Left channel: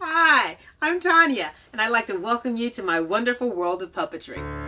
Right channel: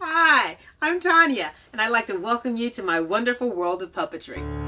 Hi, I'm Tonya, and I'd like to welcome you to my wonderful world of puppetry.